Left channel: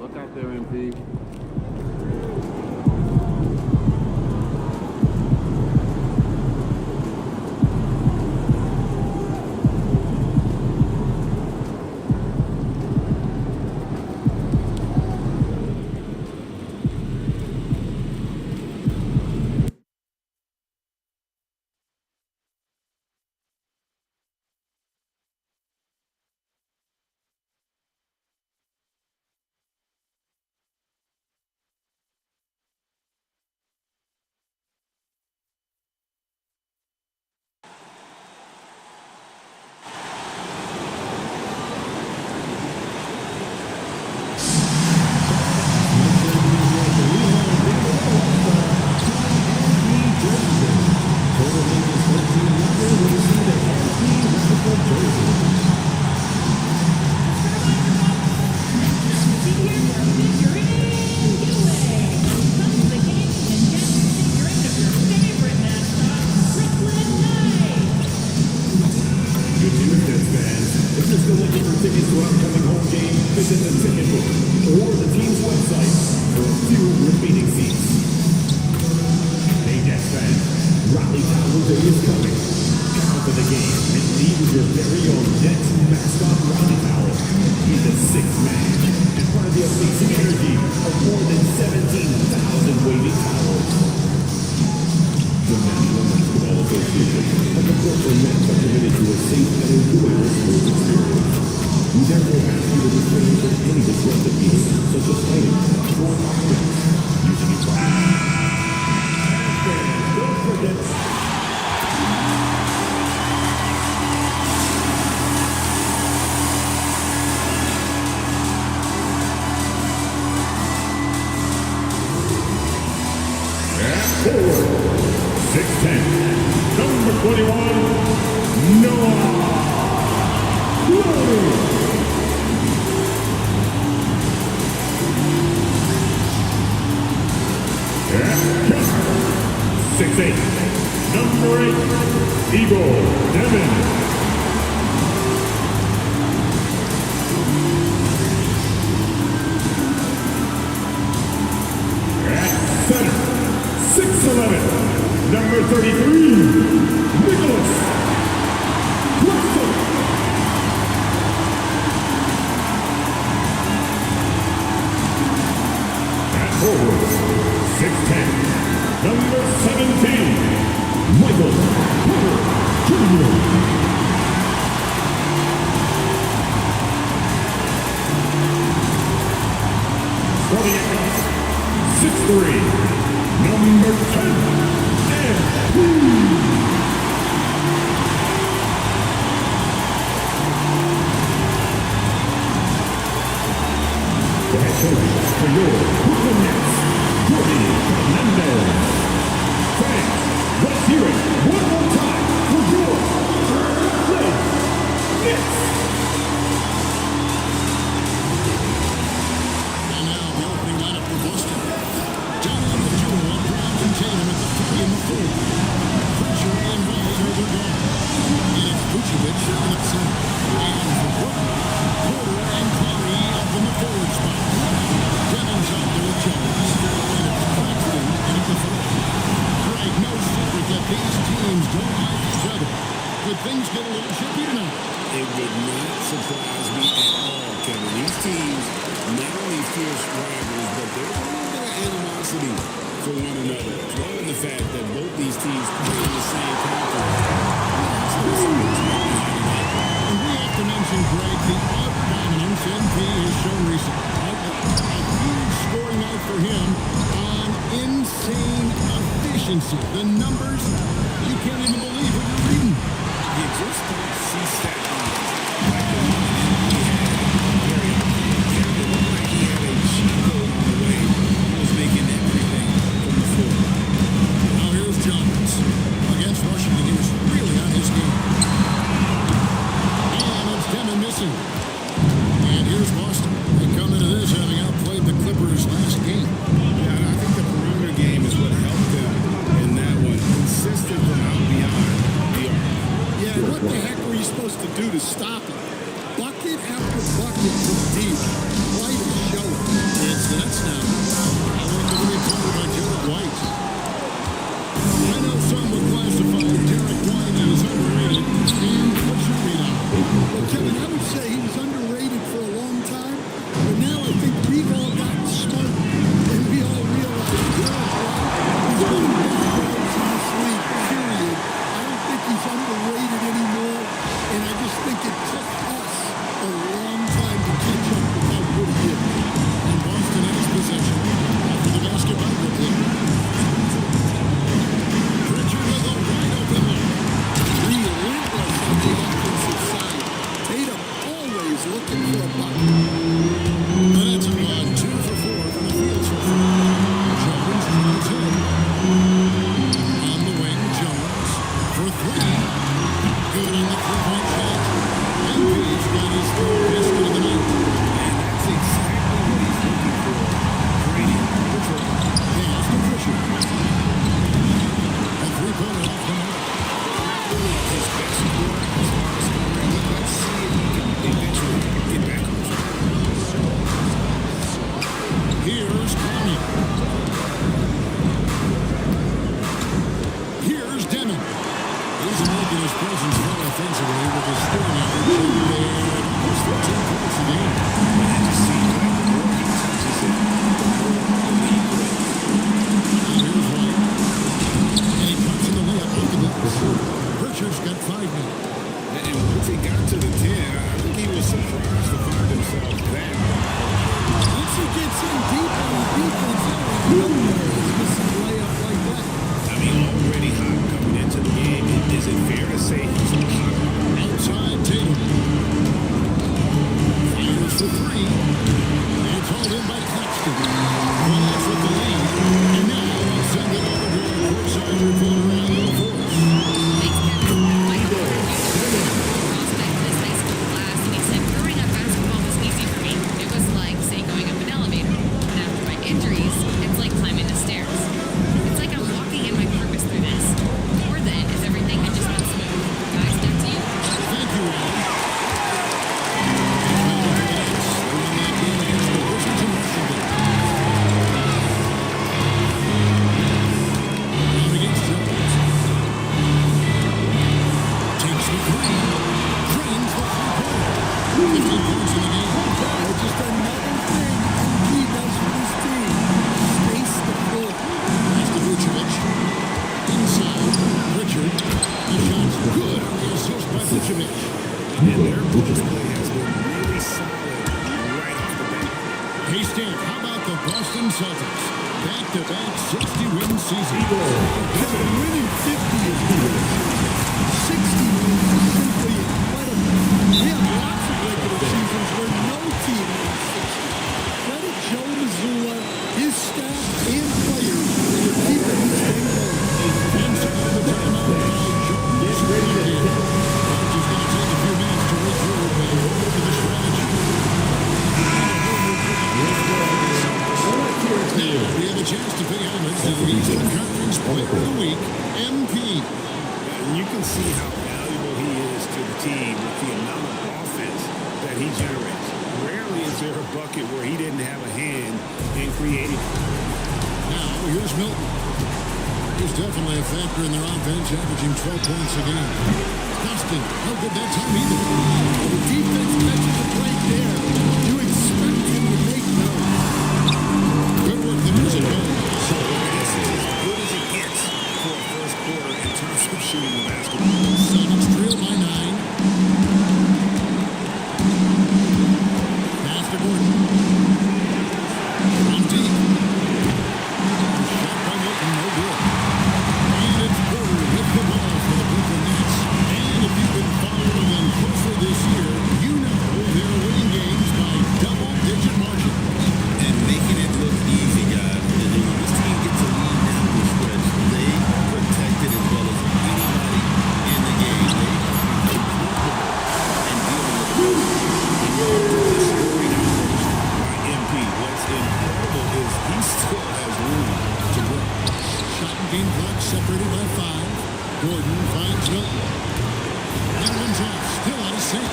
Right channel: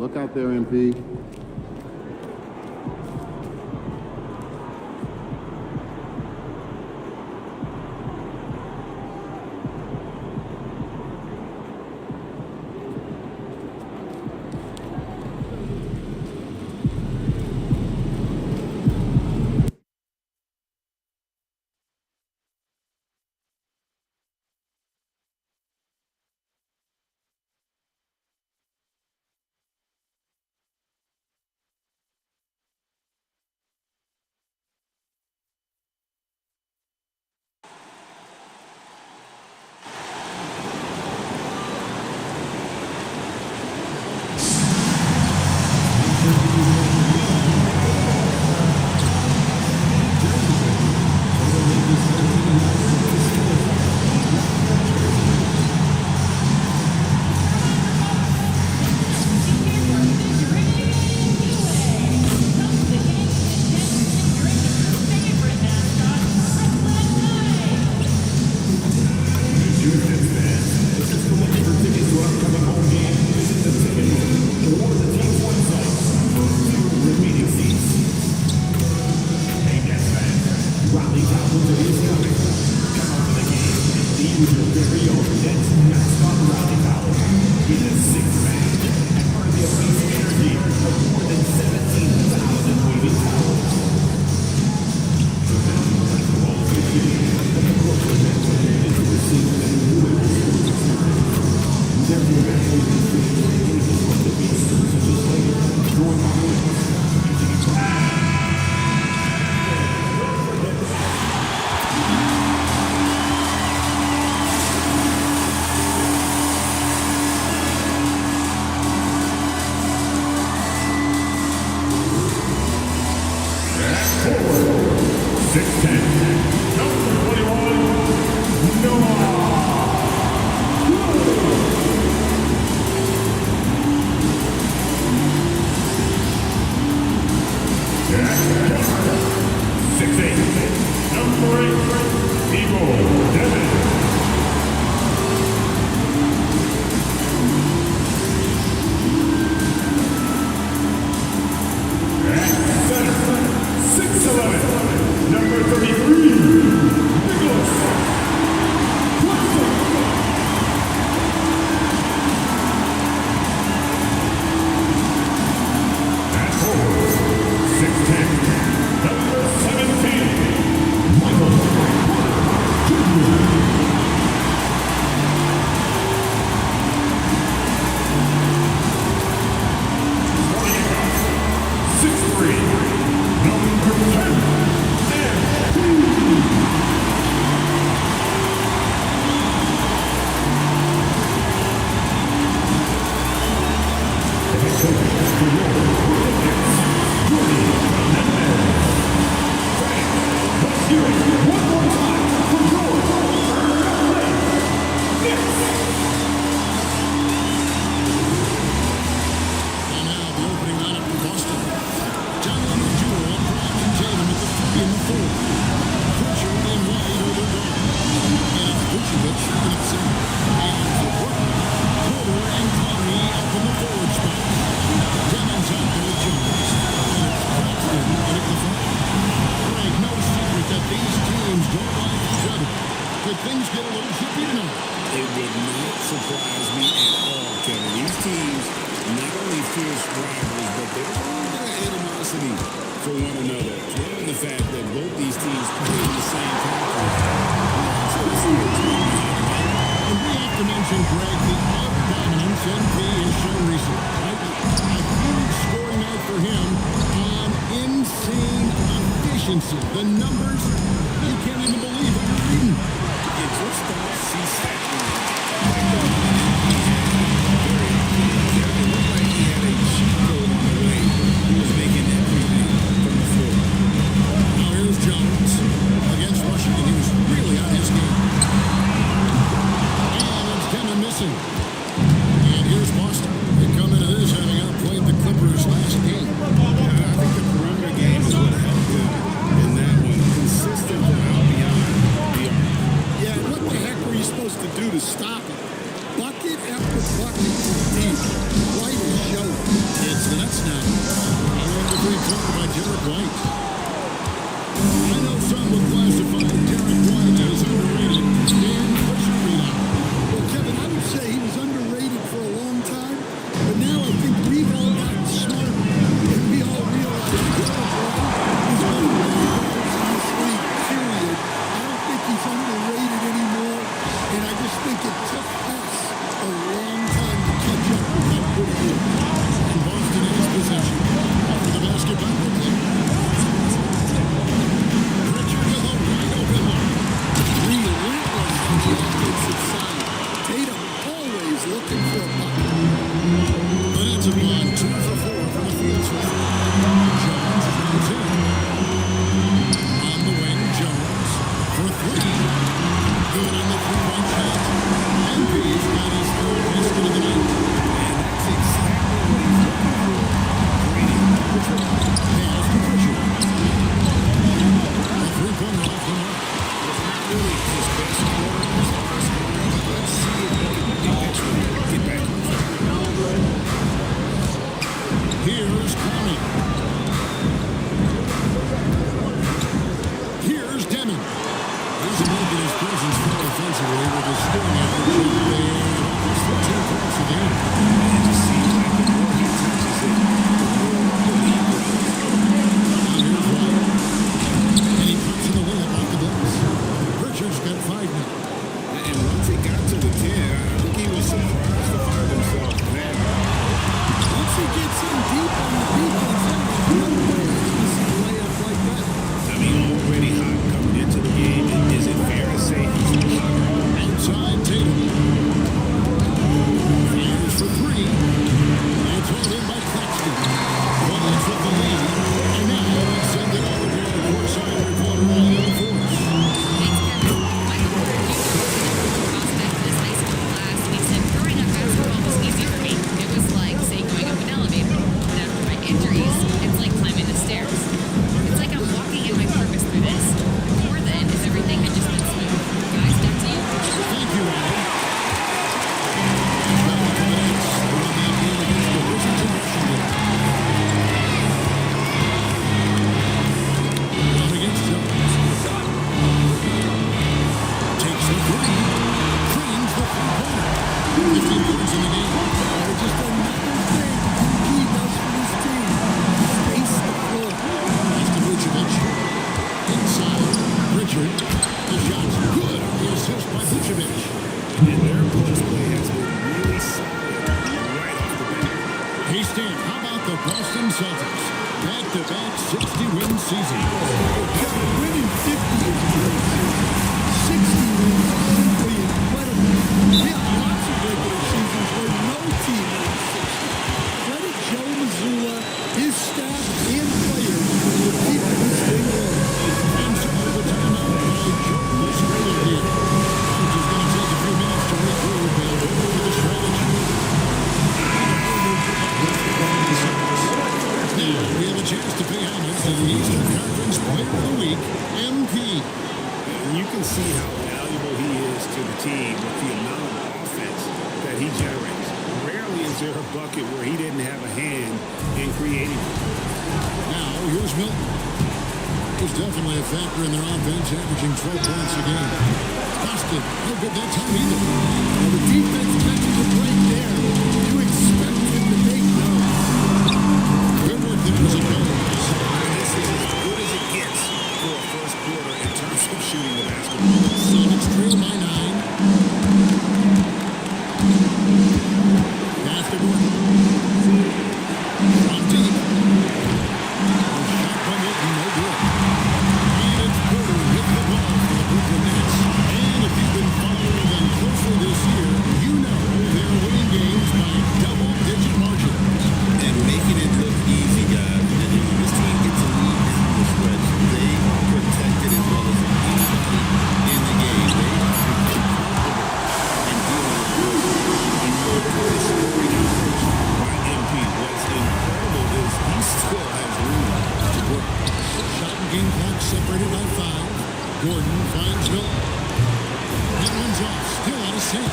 Look out there, MP. Could things get a little chippy tonight? It would not surprise me at all, Kevin. These teams, not only fierce rivals, but there's a little bit of animosity for one another. Throw in the fact that both these teams play in the same conference. Yeah, I'd say the spirits might be high tonight. And we have to mention, Greg, the utter dominance NP has shown recently, right? A huge scoring night for him on insane efficiency. The numbers, you can't even believe what you're reading. You just don't see stat lines like the one that NP had very often. Kevin, it looked like he had a cheat code on the way. He was making everything from the floor. Now here's Jones against Washington. He was really on his game. And it's Demon missing. And here's Boston. They come into this having outplayed the Clippers last game. Yeah, and I think the perimeter game is what helped him in that one. Consistent from out beyond the arc. Yeah, and what the heck were you supposed to do to stop him? bucket after bucket from deep. Quite a show. It's the Nets now, following the three-pointer by Derek White. I know some would classify Derek White as underrated. Dan, what's your read on him? Well, Kevin, I would say he was underrated for a long time, but now I think we've all gotten smarter, and we all realize Derek White is one of the best guards in this league, period. I don't think he's underrated anymore, and I just think it took us a long time to catch up with how good he is. And Boston has possession after the basket by Brooklyn. Pritchard with a wide open look. Relentless on the offensive side. Tatum always looking for a bucket. The Nets have gone 2 for 4 from the field so far. Jones tries in. On the wing, Jones for 3. Good on the three-point shot. MP's got his third basket of the night. And that's exactly what he's looking for. Draining the triple. Pass to Pritchard. A three-pointer off the mark. Well, not really his best quarter as far as scoring, but let's see if he can eventually get back on track. Here's Conley. Here's Demon. He's making his presence felt offensively with his scoring average up there at almost 13 points a game. It just seems like the more he touches it, the more the lead grows. Now here's White. And he pops in the layup off the glass. Pritchard's got 5 now. And once he got to the 10, I think he was surprised to find himself that wide open. Once he gets in deep on the defense, there is no way he's missing a layup like that. I mean, already hot coming into the game. Is it fair to say he's hotter? Outside Tatum. Fires for 3. It's hauled in by Claxton. But that's with the lead. And now let's send it over to our courtside reporter, Allie LaForce. Thanks, Kevin. Michael Porter Jr. was the #1 prospect in his high school class, and he said growing up basketball was easy for me. It was like, say, going up an elevator. But after my injuries, it's like climbing the stairs. It's like I'm walking in my purpose through this. More than if everything had just been smooth. Guys, back to you. Thank you, Allie. Rebounding for the Nets. They won that game against the Wizards in Washington. Out against Jones. Takes the 3. Cranes the three-pointer. 15 points in the game. Just another thing MP does for this team. Space the floor. That's to Vucevic. Inside. Pritchard. The shot's good on the assist by Vucevic. And their post play has been really solid right off the bat. Hey, Stan, how about the Boston Celtics? Back-to-back 60-win season. Well, Kevin, winning 50 is a great season. 60 wins is simply incredible. We have lots of regular seasons where no team wins 60. Credit Joe Mazzulla, his staff, and players for keeping this thing rolling. And so the timeout by Joe Mazzulla here. Coach is going to take a few minutes to regroup and go over the strategy. And a whole new group of for the Celtics. Now we have a chance to pay homage to the Eastern Conference Player of the Week, MP. And you can see how valuable he is to the team with the amount of offense that he generates. Rarely is there a bucket where he didn't have a hand in creating it. Now here's Milton. He's definitely a factor in their offense, averaging 12 points a game. Boston, no good that time either. Well, the defense catches a break there. You expect him to make those. Good work there as it goes. This is as good as it gets for a first quarter in terms of shooting the basketball. Celtics trail by 9. Pass to Gordon. From deep. A shot by Milton, no good. And it's Porter with the ball for the Brooklyn Nets. And if you've been following them closely this year, you know they're winning games by double-digit margins. And making it look easy, guys. And when this team gets a lead down the stretch, they protect it as well as anybody in the game. They have become comfortable in dealing with adversity. And you look at this scoring outburst by MP. What's incredible is he still has room to grow. Shot and game clock separated by 5. Gordon finds Milton. That one's off, still out of sync.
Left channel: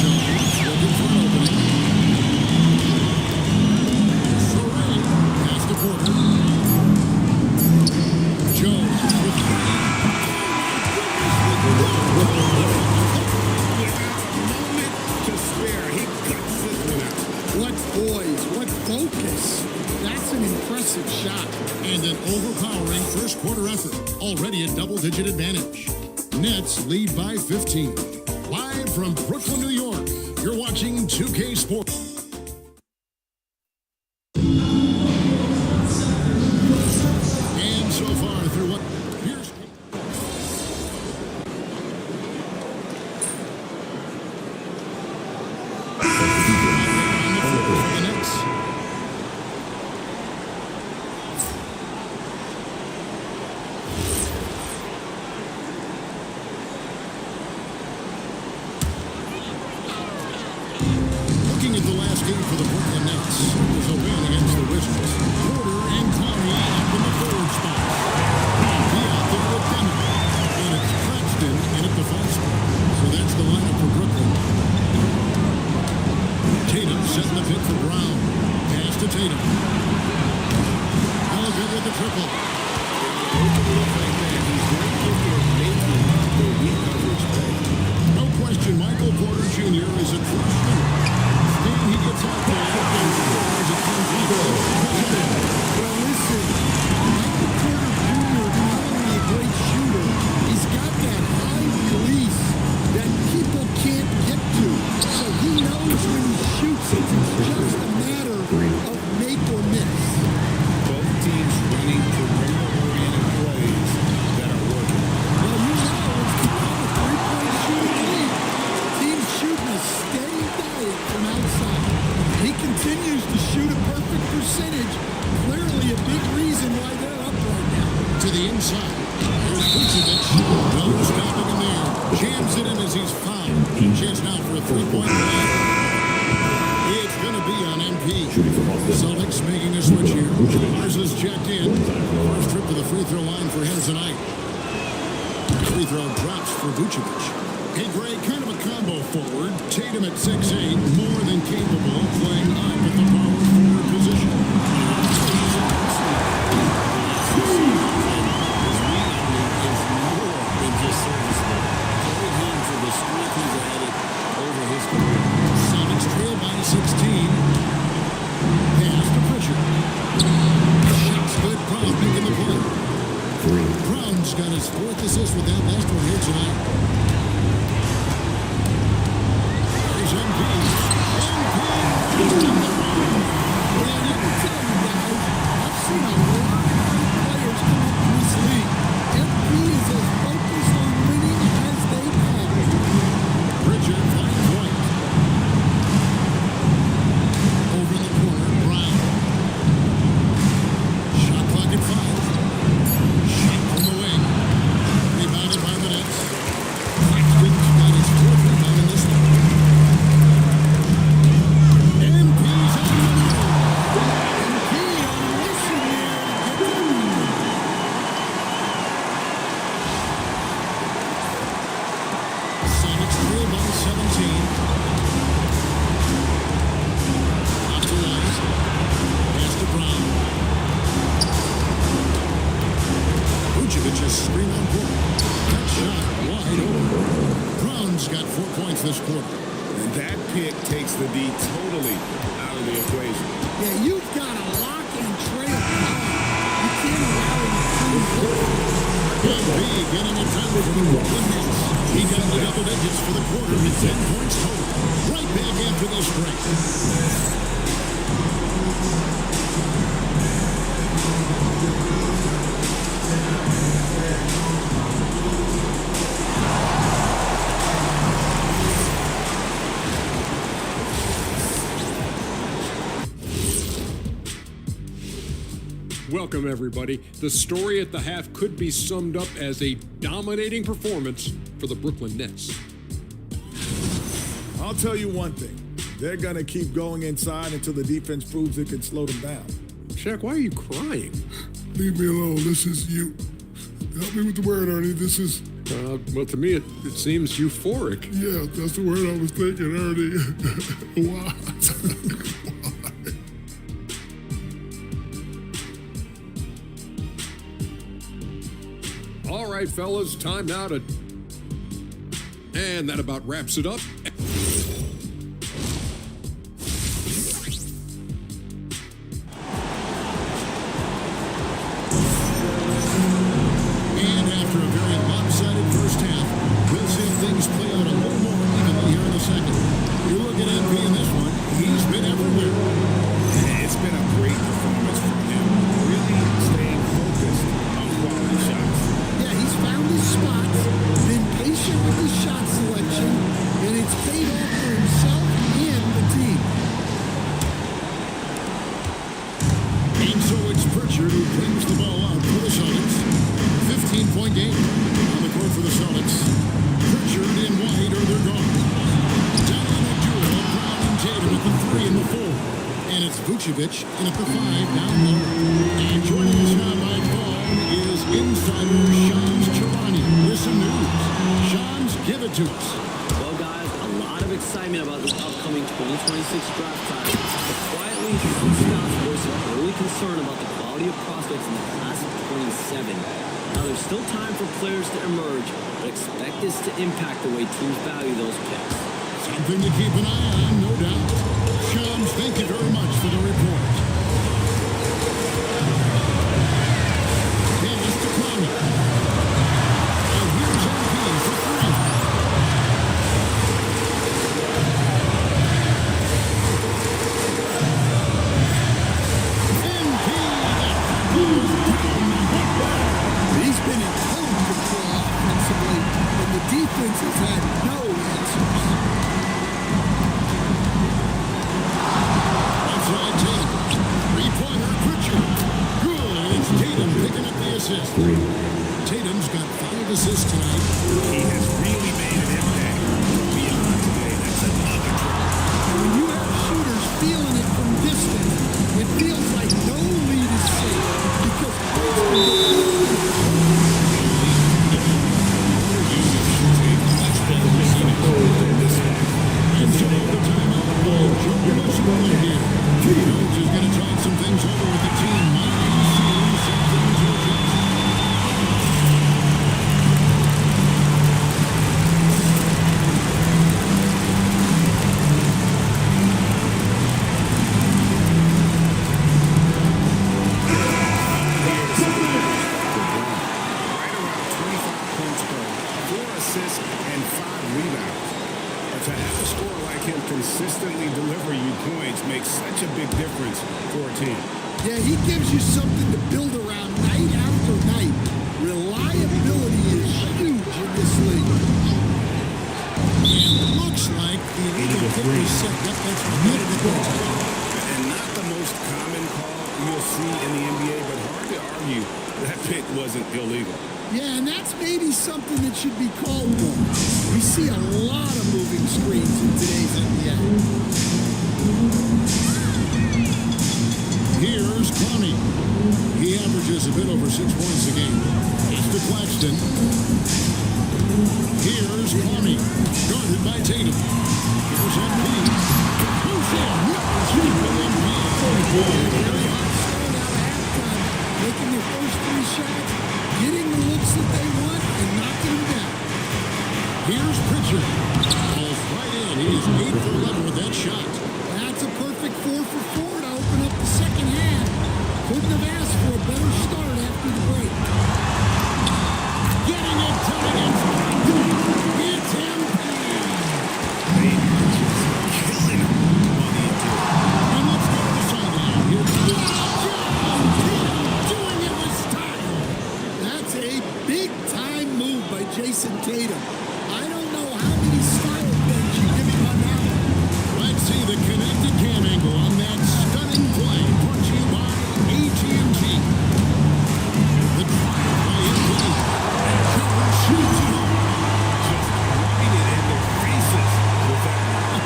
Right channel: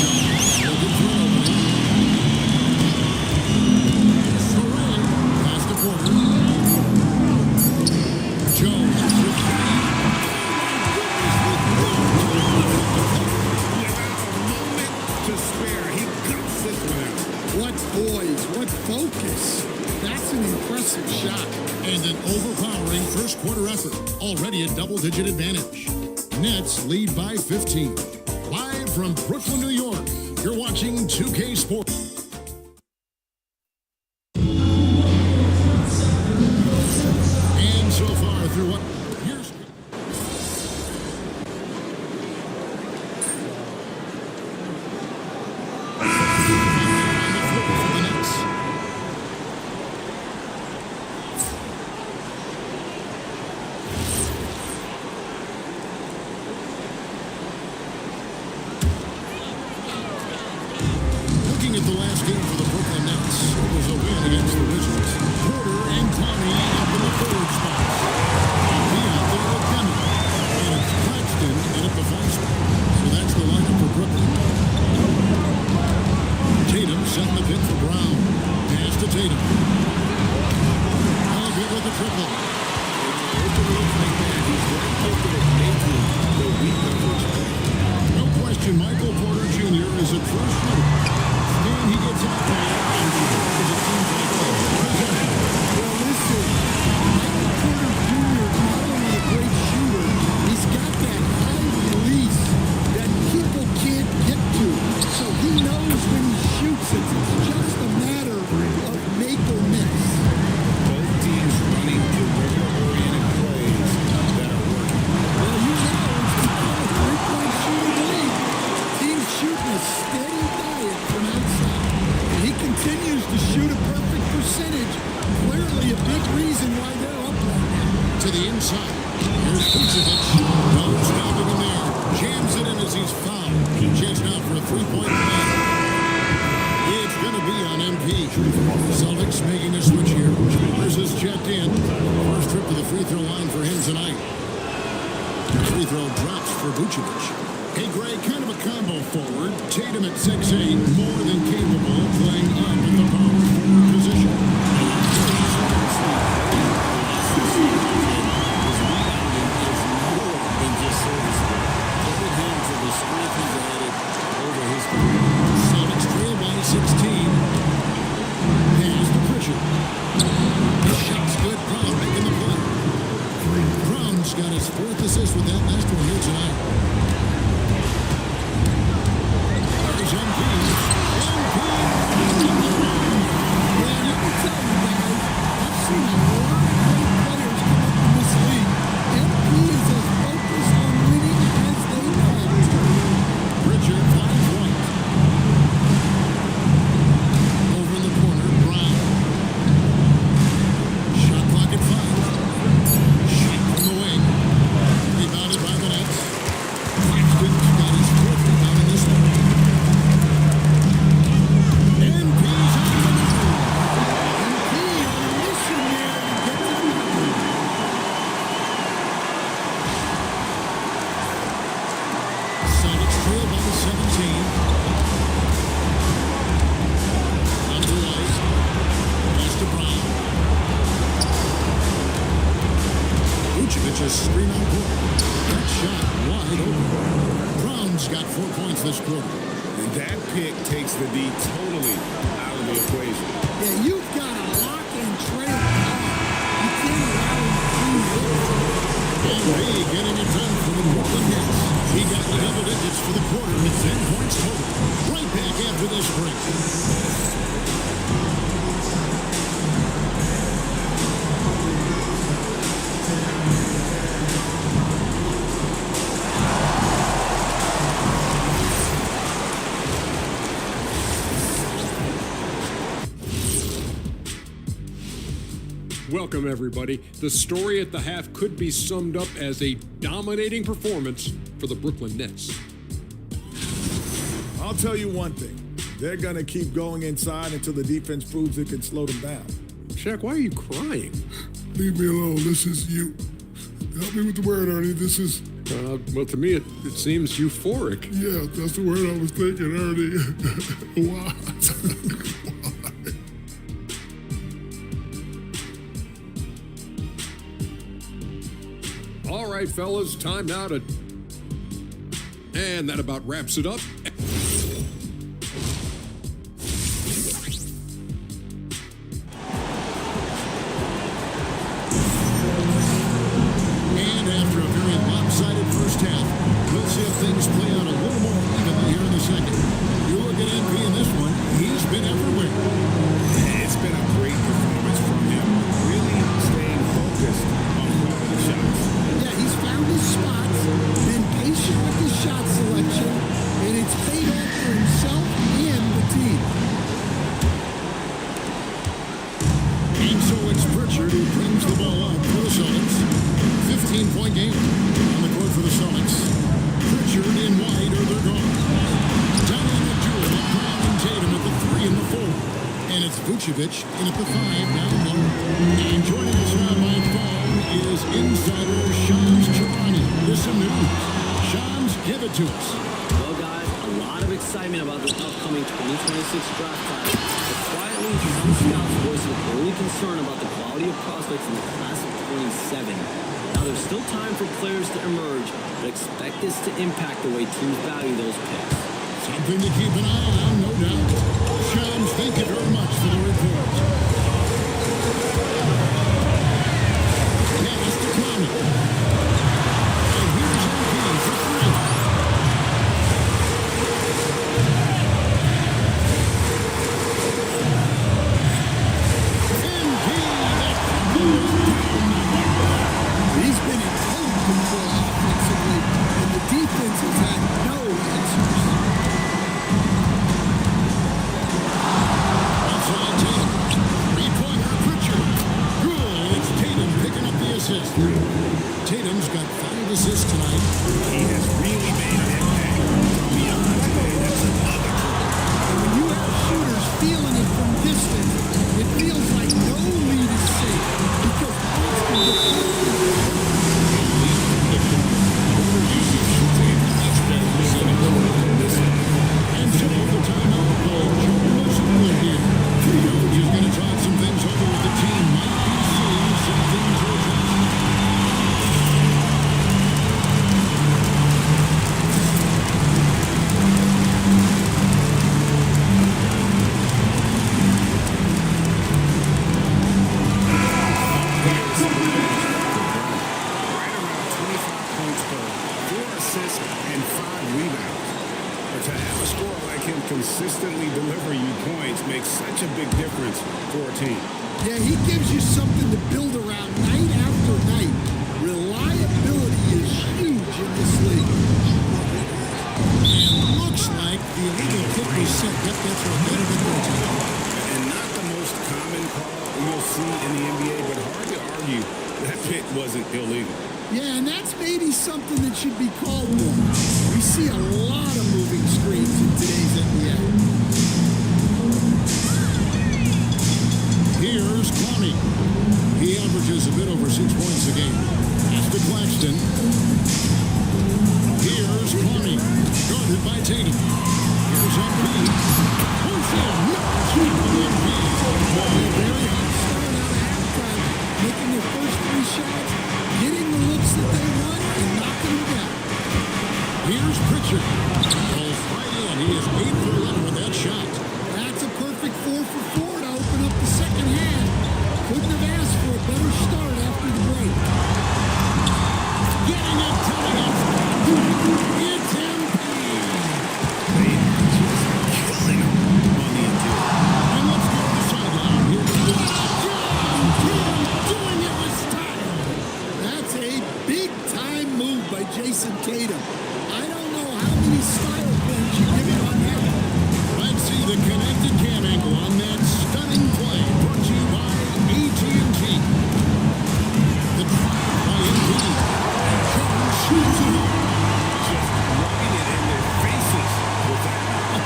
Jones looking for an opening. Sorey pass to Porter. Jones for three. Oh my goodness, with no time left on the clock. Without a moment to spare, he cuts this one out. What poise, what focus. That's an impressive shot. And an overpowering first quarter effort. Already a double-digit advantage. Nets lead by 15. Live from Brooklyn, New York, you're watching 2K Sports. And so far through what? Here's out there on the floor for the Nets. Looking at the last game for the Brooklyn Nets, it was a win against the Wizards. Porter and Conley up in the forward spots. And be out there with Demon. And it's Claxton in at the 5 spot. So that's the lineup for Brooklyn. Tatum setting the pick for Brown. Pass to Tatum. Oh, good with the triple. And on an open look like that, he's very gifted at making the weak coverage pay. No question, Michael Porter Jr. is a true shooter. And he gets out there and scores, it seems like, every possession. Well, listen, Michael Porter Jr. is not only a great shooter, he's got that high release that people can't get to. So he knows when he shoots it, it's just a matter of make or miss. Both teams running perimeter-oriented plays that are working. Well, you know, it's become a three-point shooting league. Teams shooting a steady diet from outside. And he continues to shoot a perfect percentage. Clearly a big reason why they're up right now. To the inside. Here's Vucevic. No stopping him there. Jams it in as he's fouled. Chance now for a three-point play. It's going to be on MP. Celtics making a switch here. Ours is checked in. First trip to the free throw line for him tonight. Free throw drops for Vucevic. Hey, Greg, kind of a combo forward. Tatum at 6'8", more than capable, playing up at the power forward position. And that's where he's mostly played the last few seasons, and his rebounding is more than just serviceable. Credit him for the strength he's added over his career. Celtics trail by 16. Pass to Pritchard. Shot's good. Brown making the play. Brown's got his 4th assist with that last one here tonight. There's MP. MP in the rim. Yeah, and let me tell you guys, I've seen a lot of great players come up in this league. MP is as focused on winning as they come. Pritchard finds White. Over in the corner, Brown. Shot clock at 5. Shot from the wing. Rebounded by the Nets. Claxton's got his 4th rebound in this one. MP's on the move. MP on a mission there to get to the bucket. Celtics trail by 17. Out to White. Pass to Brown. Vucevic has screen on court. That shot wide open. Brown's got 4 points this quarter. And that pick takes the D totally out of the equation. Yeah, you've got to lock and trail hard. You can't allow him to clean look. And B getting it done for the Brooklyn Nets. He got the double digits for the quarter with 10 points total. Right back after this break. Welcome, everybody. The story at the half could be summed up as a dominating performance for the Brooklyn Nets. I'll tell you one thing. They're going to keep going inside until the defense proves it can slow them down. Shaq, why are you crying? Leave me alone. This is you. Help me with the word, Ernie. This is Well, to me, it seems euphoric. Yeah, that's the word I was thinking, Ernie. Why? All right, fellas, time now to... And that about wraps it up. And after a very lopsided first half, we'll see if things play out a little more evenly here in the second. You look at MP in this one, he's been everywhere. Yeah, it's been a great performance from him, really staying focused on quality shots. Yeah, he's found his spots, been patient with his shot selection, and it's paid off for himself and the team. And so it's Pritchard who brings the ball up for the Celtics. 15-point game on the court for the Celtics. Pritchard and White are their guards. Dynamic duo of Brown and Tatum at the 3 and the 4. And it's Vucevic in at the 5 down low. And joining us now by phone is insider Shams Charania with some news. Shams, give it to us. Well, guys, a lot of excitement about this upcoming 2026 draft class, but quietly, some scouts voicing early concern about the quality of prospects in the class of 27. Now, there's still time for players to emerge, but expect this to impact the way teams value those picks. Something to keep an eye on, no doubt. Shams, thank you very much for the report. Pass to Clowney. And here's MP for 3. MP, that triple is down the hip. He's been in total control offensively, and the defense has had no answers. Outside Tatum. Three-pointer, Pritchard. Good. It's Tatum picking up the assist. Tatum's got 5 assists tonight. He has really made an impact from beyond today. That's another triple. And when you have shooters feeling it from distance, it feels like no lead is safe because points can get put up in the post. A lead from the corner. Porter Jr. shoots a much better percentage from this spot. And Joe, the timeout by Joe Mazzulla here. Coach is going to talk some things over with the team. Might be seeing something to adjust. A moment here to see the numbers for Brown. Right around 25 points per, 4 assists, and 5 rebounds. To have a scorer like him consistently deliver you points makes such a big difference for a team. Yeah, he gives you something to build around night after night. Reliability is huge in this league. And looks like the illegal kick was set. Yep, that's right. Better get their attention. And not the most common call you'll see in the NBA, but hard to argue that pick wasn't illegal. Yeah, and that's maybe something that should be called more. We see a lot of moving screens in today's NBA. Here's Clowney. He averages a bit over 6 points a game. Pass to Claxton. Here's Clowney, guarded by Tatum. Here's MP. Push in. No shooting MP. A very hot start out of halftime, making their first 3 shots, getting the looks that they want, and knocking them down. Here's Pritchard. Falls right in. He is 8 for 11 with that shot. That's a perfect 4 for 4 to open up the second half. Couldn't have asked for a better start after the break. Getting it done against contact. It's MP. They are just killing him on the interior. And let's go to the sideline. Here goes Tatum doing it with style. That's a big-time move by Jason Tatum. I don't know how many style points you give him on that one. Let's see the connected cam angle on that stunning play. Brought to you by AT&T. The drive by MP. And Jones shoots it home. Just rubbing it in their faces with that one.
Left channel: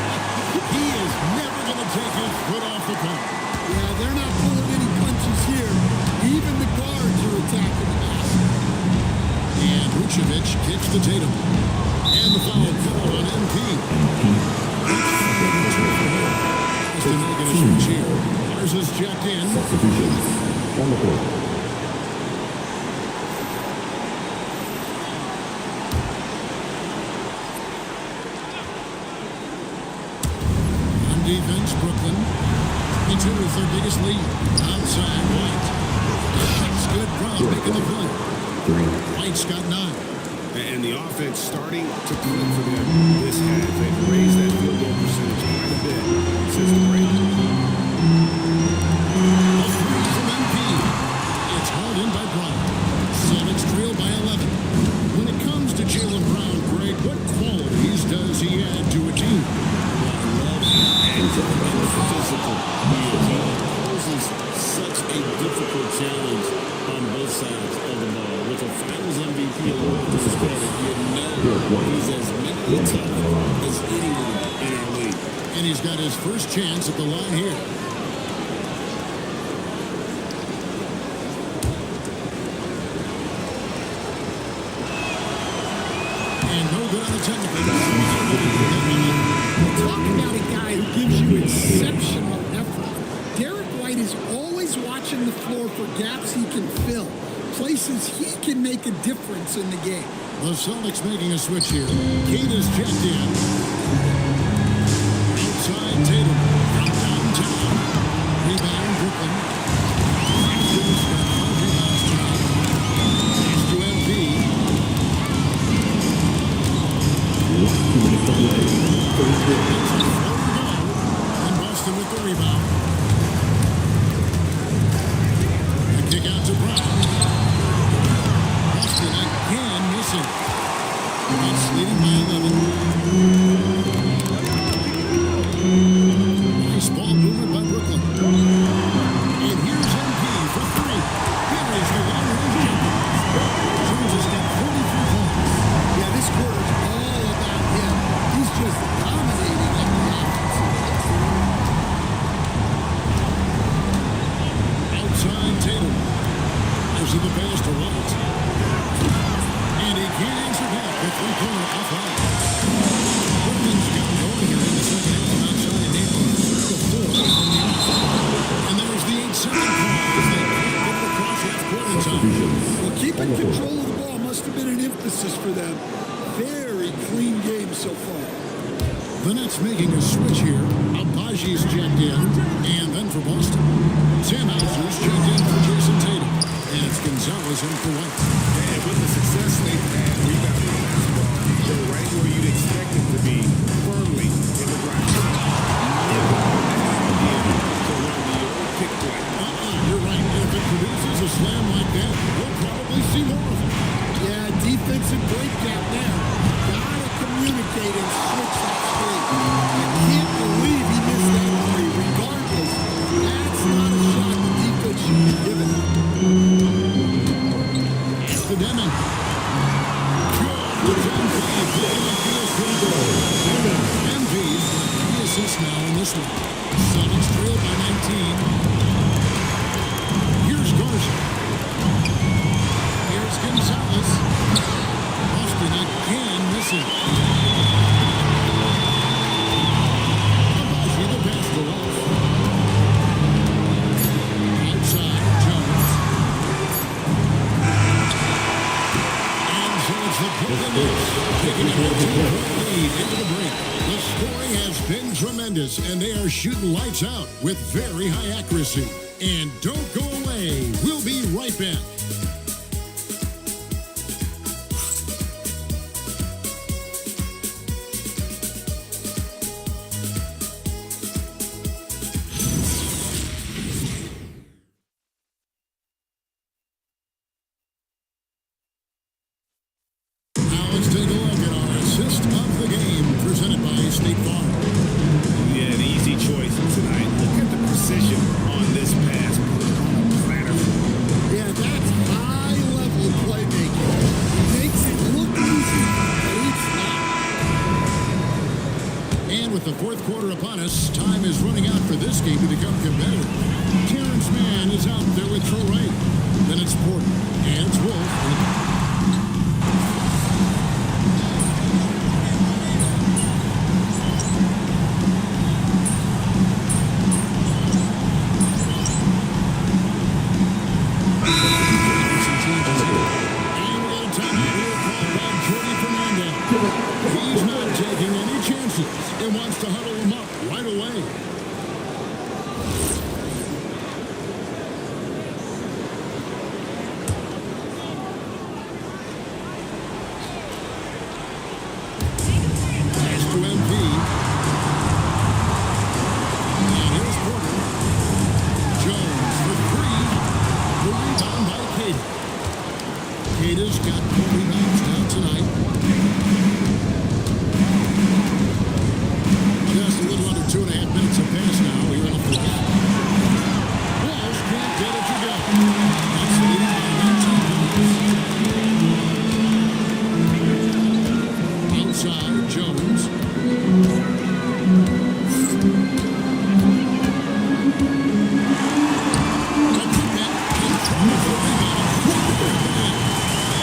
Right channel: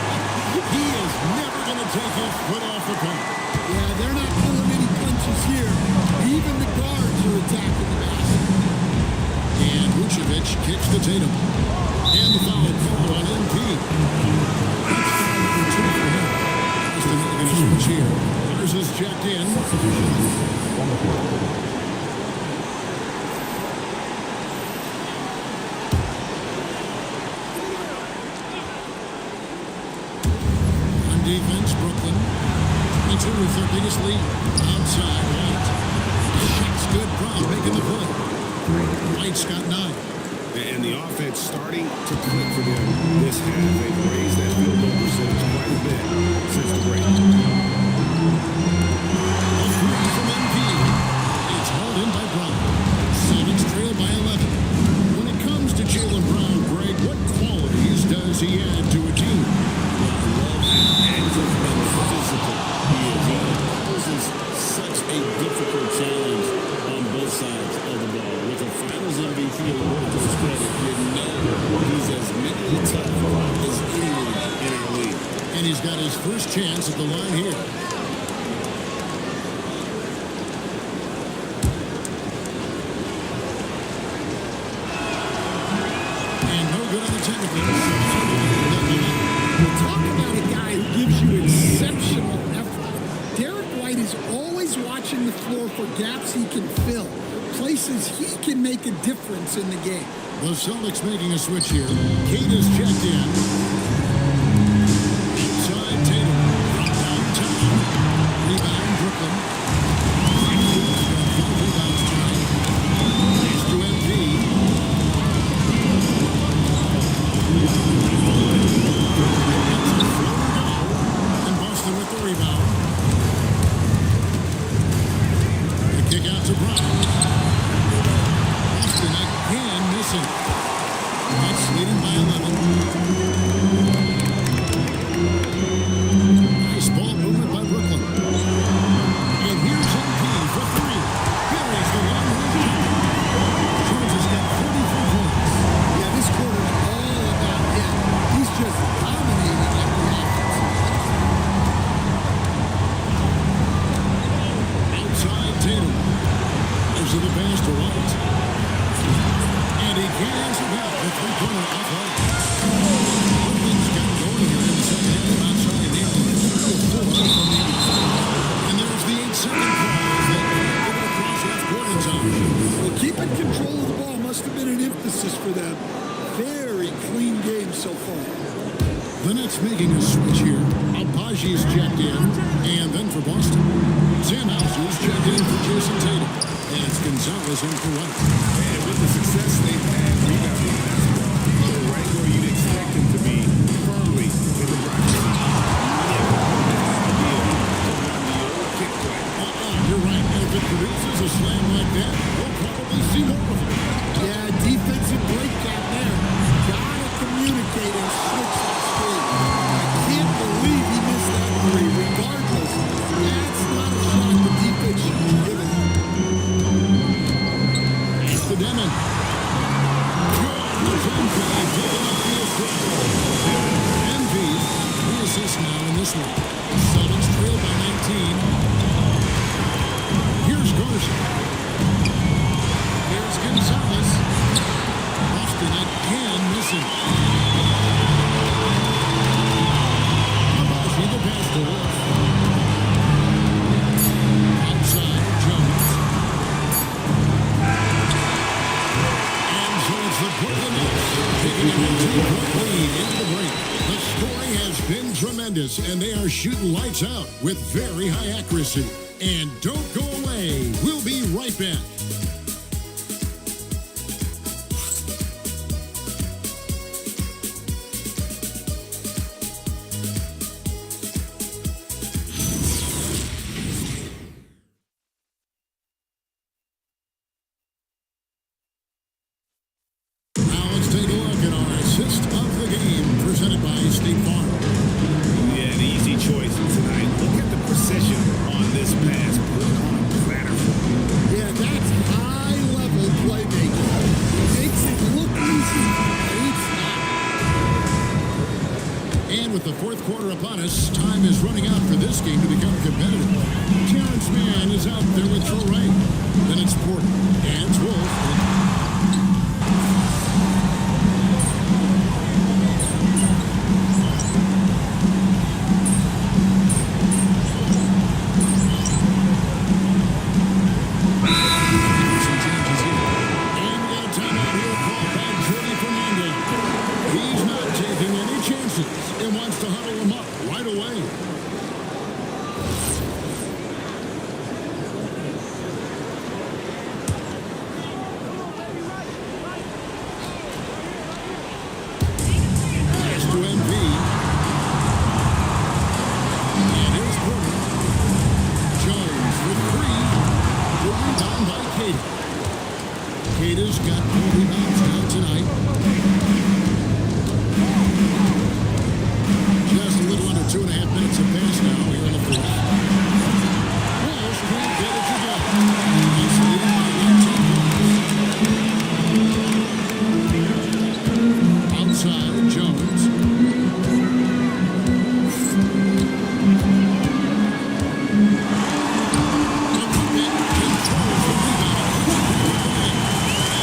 He is never going to take his foot off the pedal. Yeah, they're not pulling any punches here. Even the guards are attacking the basket. And Vucevic kicks to Tatum. And the foul called on MP. That's foul number 2 for him. Boston making a switch here. Garza's checked in. On the court. On defense, Brooklyn. 22 is their biggest lead. Outside, White. Shot's good. Brown making the play. White's got 9. And the offense starting to click for them this half. They've raised that field goal percentage quite a bit since the break. A 3 from MP. It's hauled in by Brown. Celtics trail by 11. When it comes to Jaylen Brown, Greg, what qualities does he add to a team? Well, I love how active and physical he is. He poses such a difficult challenge on both sides of the ball. With a Finals MVP award to his credit, you know he's as mentally tough as anyone in our league. And he's got his first chance at the line here. And no good on the technical, so unable to pick that one up. Well, talk about a guy who gives you exceptional effort. Derek White is always watching the floor for gaps he can fill, places he can make a difference in the game. The Celtics making a switch here. Kate is checked in. Outside Tatum from downtown. Rebound Brooklyn. Claxton's got 5 rebounds tonight. Pass to MP. That's a floater go. And Boston with the rebound. The kick out to Brown. Boston again missing. Nets leading by 11. Nice ball movement by Brooklyn. And here's MP for 3. Buries the long-range jumper. Jones has got 43 points. Yeah, this quarter's all about him. He's just dominating at the offensive end. Outside Tatum. There's the pass to White. And he can't answer back. The three-pointer offline. Brooklyn's got him going here in the second half from outside, nailing 3 of 4 from the arc. And there's the 8-second call as they can't get it across half-court in time. Well, keeping control of the ball must have been an emphasis for them. Very clean game so far. The Nets making a switch here. Abaji's checked in. And then for Boston, Sam Hauser's checked in for Jason Tatum. And it's Gonzalez in for White. And with the success they've had rebounding the basketball, they're right where you'd expect them to be, firmly in the driving seat. Never a bad idea to run the old pick play. You're right. And if it produces a slam like that, we'll probably see more of them. Yeah, defensive breakdown there. Gotta communicate and switch that screen. I can't believe he missed that 3. Regardless, that's not a shot the defense should be given. Pass to Demon. Good. It's MP picking up the assist. MP's got 3 assists now in this one. Celtics trail by 19. Here's Garza. Here's Gonzalez. Boston again missing. Abaji the pass to Wolf. Outside, Jones. And so it's the Brooklyn Nets taking a 19-point lead into the break. The scoring has been tremendous, and they are shooting lights out with very high accuracy. And don't go away. We'll be right back. Take a look at our assist of the game presented by State Farm. Yeah, an easy choice tonight. Look at the precision on this pass. Put it on a platter for him. Yeah, that's high-level playmaking. He makes it look easy, but it's not. And with the fourth quarter upon us, time is running out for this game to become competitive. Terrence Mann is out there with Troy Wright. Then it's Porter. And it's Wolf. called by Jordy Fernandez. He's not taking any chances and wants to huddle him up right away. Pass to MP. And here's Porter. Jones for three. The rebound by Cater. Cater's got 4 rebounds now tonight. Just a little under 2.5 minutes have passed now here in the fourth. Walsh can't get it to go. It's leading by 19 points. Outside, Jones. The putback controls the rebound and puts it back up and in.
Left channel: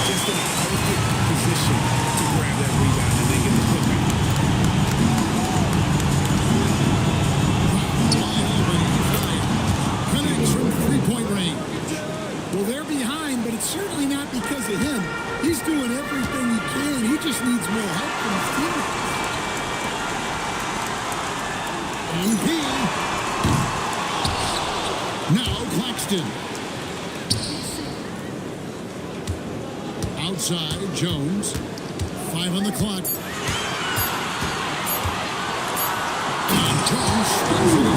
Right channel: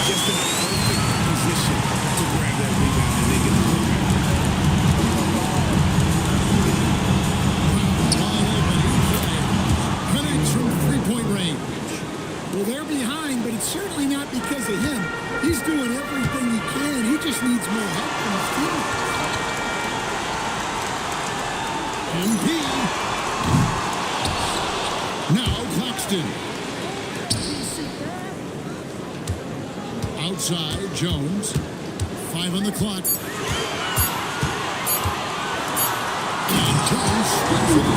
Just in a perfect position to grab that rebound and then get the putback. Brown wide open. He fires. Connects from three-point range. Well, they're behind, but it's certainly not because of him. He's doing everything he can. He just needs more help from his teammates. MP. Now Claxton. Outside, Jones. 5 on the clock. And Jones spins it in.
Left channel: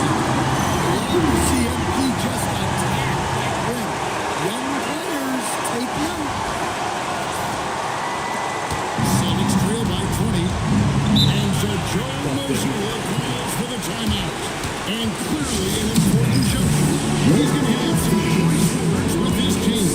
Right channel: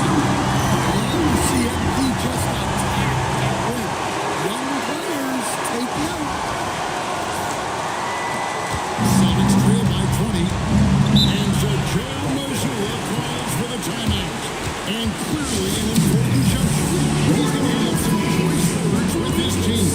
I love to see MP just attack that rim. Young players, take note. Celtics trail by 20. And so Joe Mazzulla calls for the timeout. And clearly an important juncture. He's going to have some choice words with his team.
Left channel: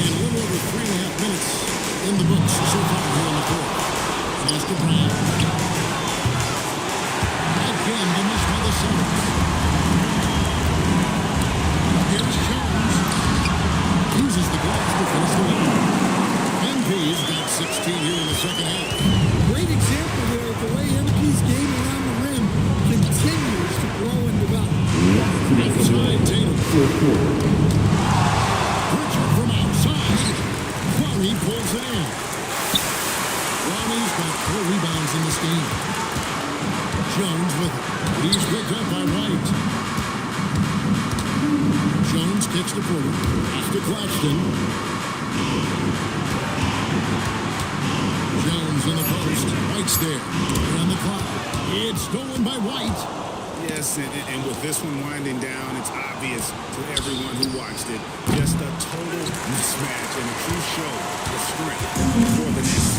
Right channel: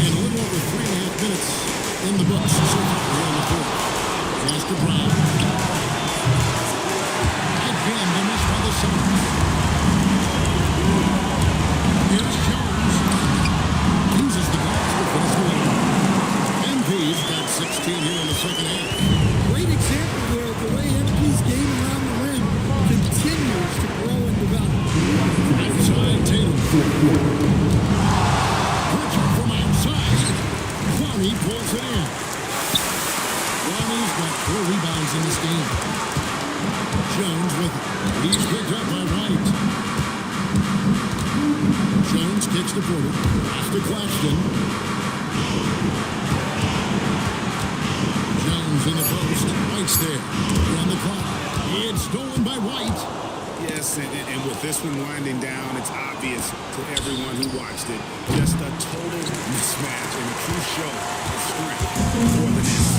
And a little over 3.5 minutes in the books so far here in the fourth. Pass to Brown. Again, the miss by the Celtics. Here's Jones. Uses the glass to finish the lane. MP's got 16 here in the second half. Great example there of the way MP's game around the rim continues to grow and develop. Outside Tatum. Pritchard from outside. Clowney pulls it in. Clowney's got 4 rebounds in this game. Jones with it. He's picked up by White. Jones kicks to Porter. Pass to Claxton. Jones in the post. White's there. On the clock. It's stolen by White. Yes, and with this one winding down, it's obvious to everyone who watched it. Just a total mismatch and a true show of strength for the Nets.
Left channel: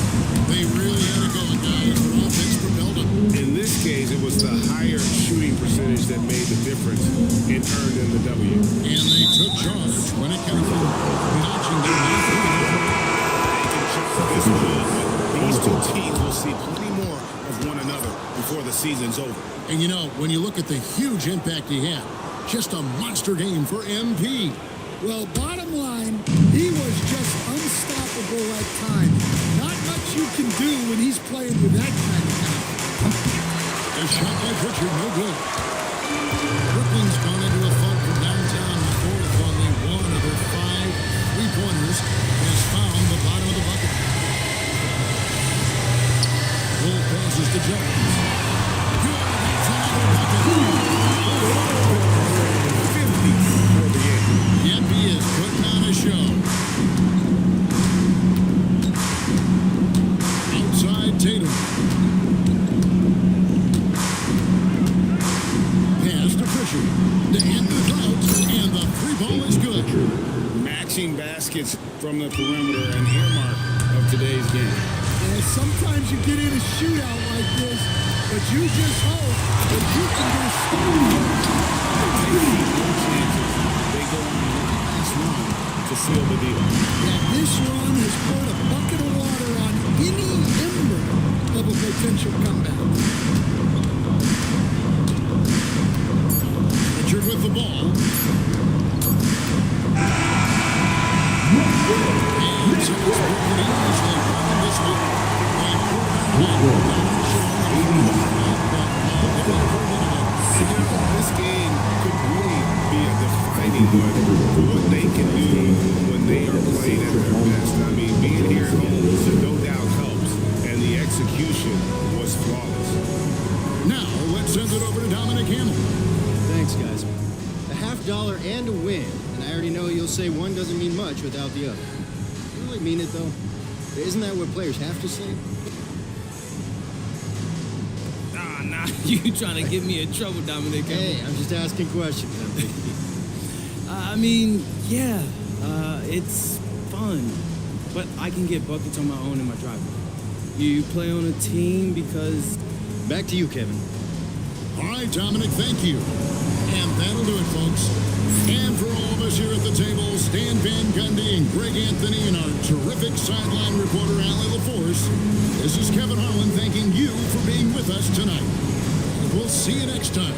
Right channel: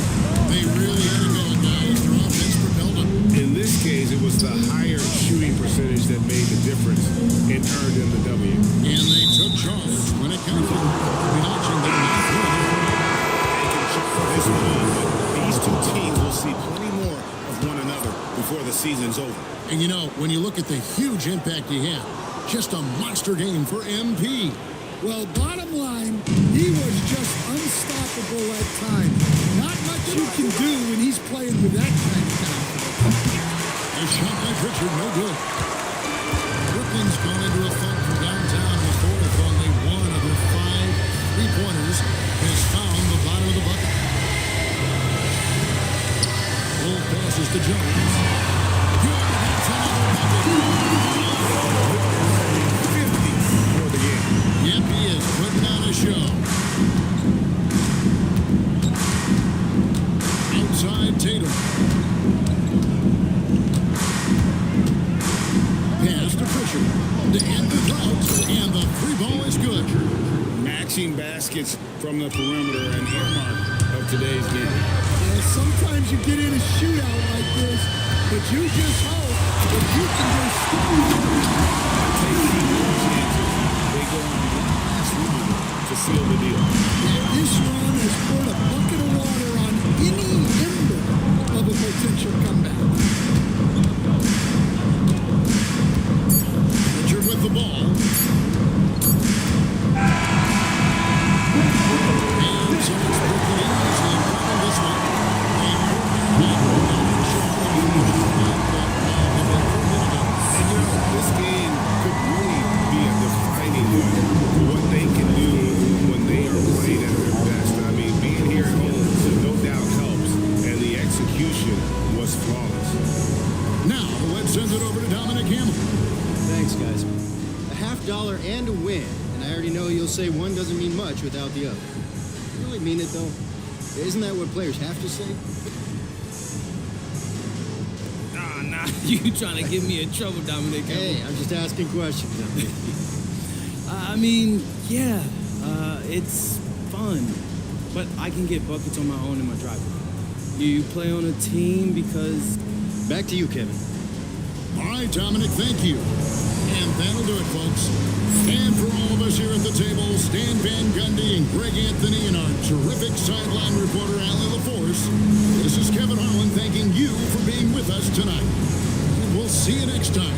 They really had it going, guys. Their offense propelled them. In this case, it was the higher shooting percentage that made the difference and earned them the W. And they took charge when it counted, and notching their 9th win overall. They can chalk this one up, but these two teams will see plenty more of one another before the season's over. And you know, when you look at the huge impact he had, just a monster game for MP. Well, bottom line, he was just unstoppable at times. Not much you can do when he's playing with that kind of confidence. A shot by Pritchard, no good. Brooklyn's gone into a funk from downtown in the fourth. Only one of their 5 3-pointers has found the bottom of the bucket. Wolf passes to Jones. Good, that's another bucket. 50 for the game. Yep, he is putting on a show. Outside Tatum. pass to Pritchard. The end is out, and the three ball is good. Matching baskets from the perimeter, an earmark of today's game. Yeah, sometimes you get in a shootout like this, but you just hope that you can get a stop first. Taking no chances. They go on one last run to seal the deal. Yeah, this run has poured a bucket of water on any ember of a potential comeback. Pritchard with the ball. And so it's Brooklyn easily grabbing this one. They poured it on tonight with dominant showing in front of the crowd that loved every minute of it. And, this game could really be a defining one for what they can do when they are playing at their best. I mean, being here at home no doubt helps, and the execution was flawless. Now, let's send it over to Dominic Hamill. Thanks, guys. A $50 and a win, and I already know you'll say one doesn't mean much without the other. You really mean it, though? Isn't that what players have to say? Nah, you trying to get me in trouble, Dominic. Hey, I'm just asking questions, MP. I mean, yeah, it's fun, but I can get buckets on my own in my driveway. You play on a team because... Back to you, Kevin. All right, Dominic, thank you. And that'll do it, folks. And for all of us here at the table, Stan Van Gundy and Greg Anthony and our terrific sideline reporter, Allie LaForce, this is Kevin Harlan thanking you for being with us tonight. And we'll see you next time